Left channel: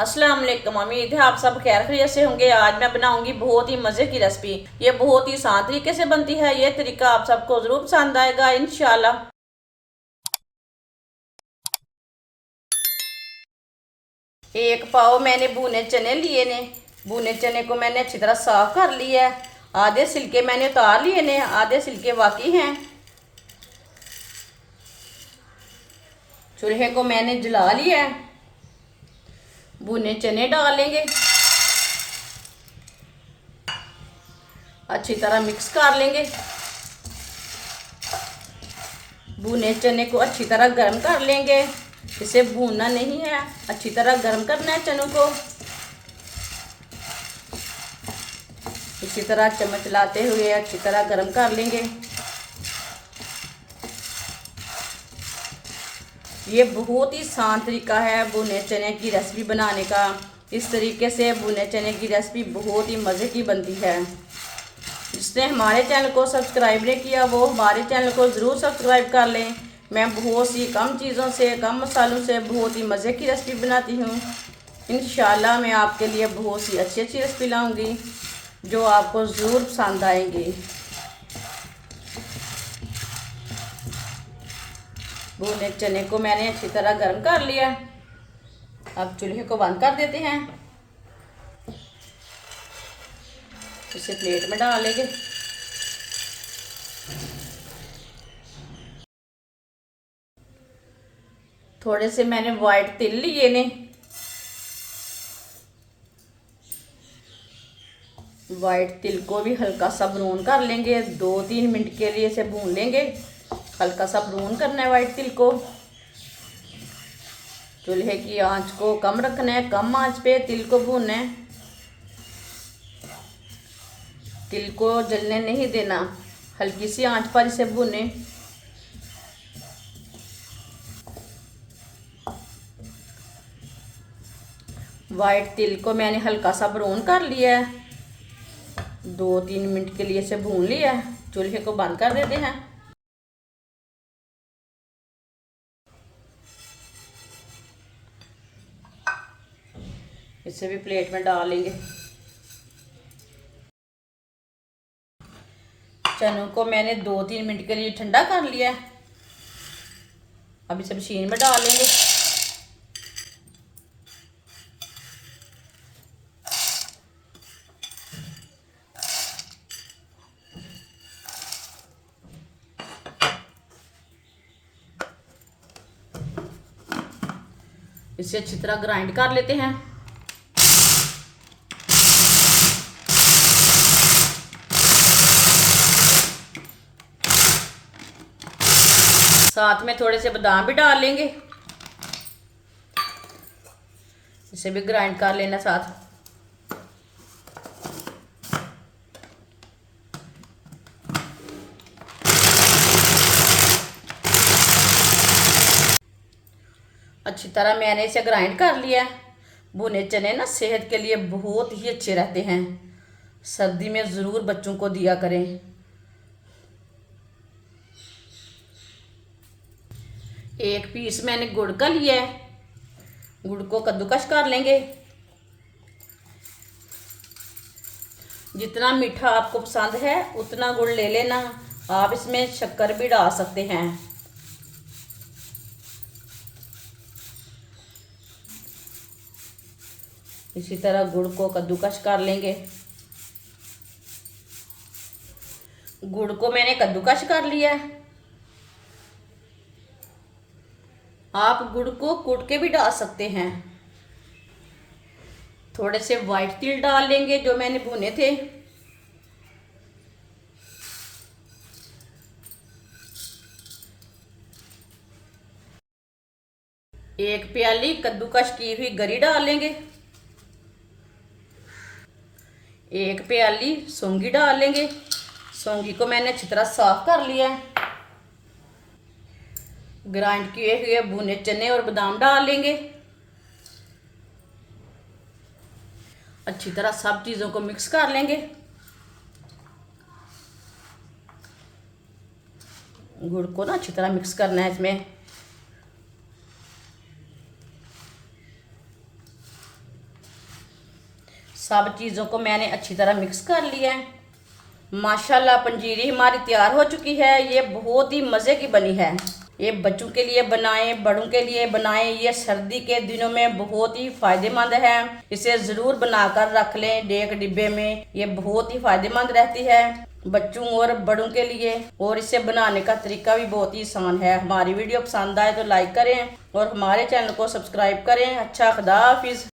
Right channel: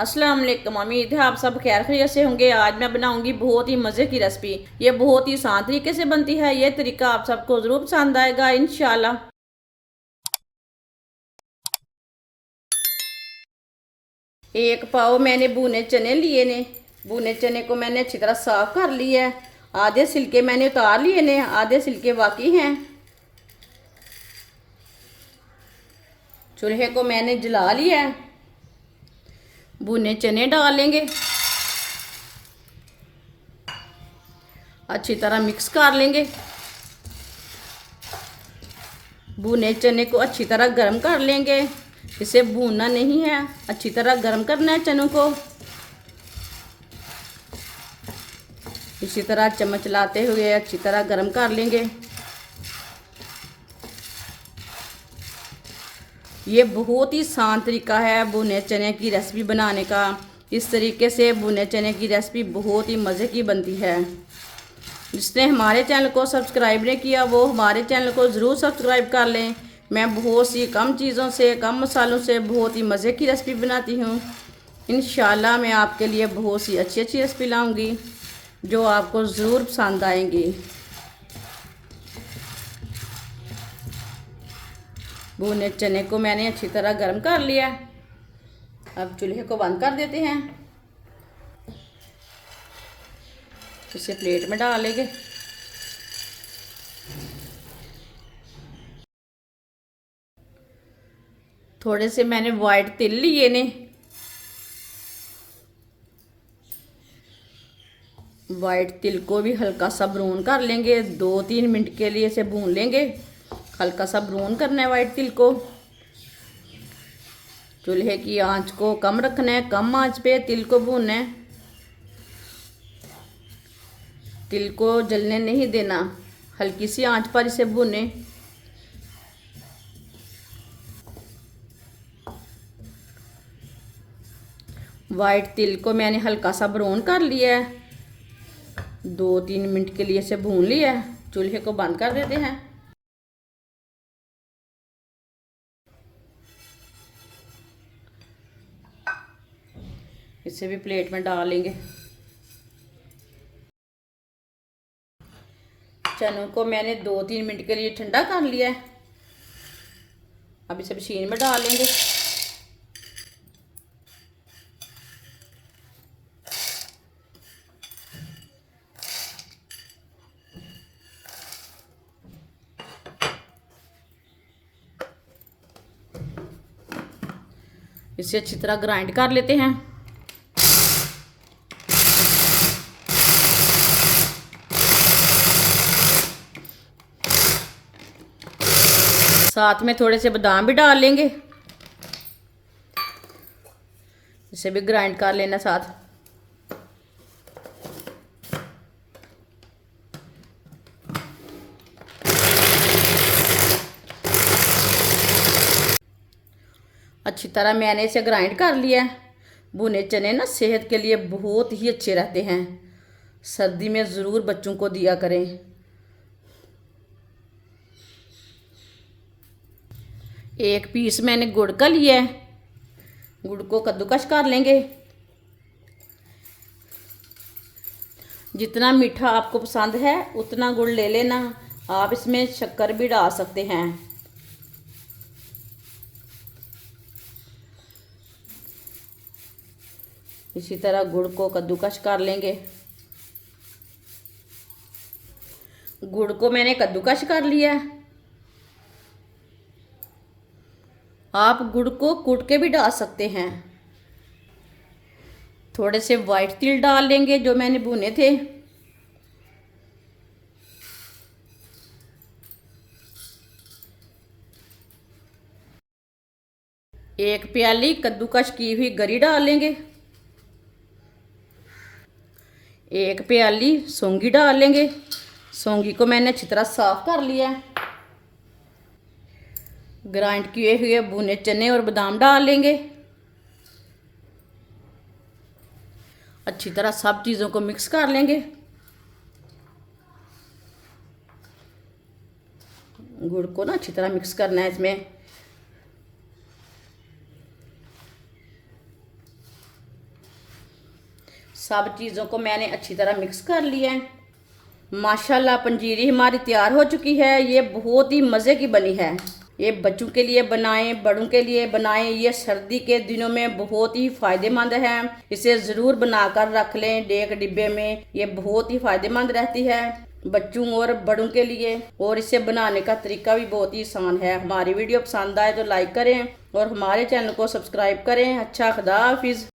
अस्सलाम वालेकुम। उम्मीद है आप सब खैर खैरियत से होंगे। आज मैं बनाऊंगी बहुत ही मज़े की रेसिपी। ये बहुत ही आसान तरीके से बनती है। ये तरीका आप सबको ज़रूर पसंद आएगा इंशाल्लाह। एक पाव मैंने भुने चने लिए ने। भुने चने को मैंने अच्छी तरह साफ कर लिया है। आधे छिलके मैंने उतार लिए ने, आधे छिलके बाकी हैं। चूल्हे को मैंने जला लिया है। भुने चने डालेंगे, अच्छी तरह मिक्स कर लेंगे। भुने चने को अच्छी तरह गर्म कर लेंगे। इसे भूनना नहीं है, अच्छी तरह गर्म करना है चनों को। इसी तरह चम्मच चलाते हुए अच्छी तरह गर्म कर लेंगे। ये बहुत ही आसान तरीका है भुने चने की रेसिपी बनाने का। इस तरीके से भुने चने की रेसिपी बहुत ही मज़े की बनती है। जिसने हमारे चैनल को सब्सक्राइब नहीं किया वो हमारे चैनल को ज़रूर सब्सक्राइब कर लें। मैं बहुत सी कम चीज़ों से, कम मसालों से बहुत ही मज़े की रेसिपी बनाती हूँ। इंशाल्लाह मैं आपके लिए बहुत सी अच्छी अच्छी रेसिपी लाऊंगी जो आपको ज़रूर पसंद आएंगी। भुने चने को मैंने अच्छी तरह गर्म कर लिया। अब चूल्हे को बंद कर देते हैं। इसे प्लेट में डालेंगे। थोड़े से मैंने वाइट तिल लिए ने। वाइट तिल को भी हल्का सा ब्राउन कर लेंगे। 2-3 मिनट के लिए इसे भून लेंगे। हल्का सा ब्राउन करना है वाइट तिल को। चूल्हे की आंच को कम रखना है, कम आंच पे तिल को भूनना है। तिल को जलने नहीं देना, हल्की सी आंच पर इसे भूने। वाइट तिल को मैंने हल्का सा ब्राउन कर लिया है। 2-3 मिनट के लिए इसे भून लिया है। चूल्हे को बंद कर देते हैं। इसे भी प्लेट में डालेंगे। चनों को मैंने 2-3 मिनट के लिए ठंडा कर लिया है। अब इसे मशीन में डालेंगे। इसे अच्छी तरह ग्राइंड कर लेते हैं। साथ में थोड़े से बादाम भी डाल लेंगे। इसे भी ग्राइंड कर लेना साथ। अच्छी तरह मैंने इसे ग्राइंड कर लिया। भुने चने ना सेहत के लिए बहुत ही अच्छे रहते हैं। सर्दी में ज़रूर बच्चों को दिया करें। एक पीस मैंने गुड़ का लिया है। गुड़ को कद्दूकस कर लेंगे। जितना मीठा आपको पसंद है उतना गुड़ ले लेना। आप इसमें शक्कर भी डाल सकते हैं। इसी तरह गुड़ को कद्दूकस कर लेंगे। गुड़ को मैंने कद्दूकस कर लिया है। आप गुड़ को कूट के भी डाल सकते हैं। थोड़े से वाइट तिल डाल लेंगे जो मैंने भुने थे। एक प्याली कद्दूकस की हुई गरी डाल लेंगे। एक प्याली सौंगी डाल लेंगे। सौंगी को मैंने अच्छी तरह साफ कर लिया है। ग्राइंड किए हुए भुने चने और बादाम डाल लेंगे। अच्छी तरह सब चीज़ों को मिक्स कर लेंगे। गुड़ को ना अच्छी तरह मिक्स करना है इसमें। सब चीज़ों को मैंने अच्छी तरह मिक्स कर लिया है। माशाल्लाह पंजीरी हमारी तैयार हो चुकी है। ये बहुत ही मज़े की बनी है। ये बच्चों के लिए बनाएं, बड़ों के लिए बनाएं। ये सर्दी के दिनों में बहुत ही फ़ायदेमंद है। इसे ज़रूर बनाकर रख लें डेक डिब्बे में। ये बहुत ही फ़ायदेमंद रहती है बच्चों और बड़ों के लिए। और इसे बनाने का तरीका भी बहुत ही आसान है। हमारी वीडियो पसंद आए तो लाइक करें और हमारे चैनल को सब्सक्राइब करें। अच्छा, खुदा हाफिज़।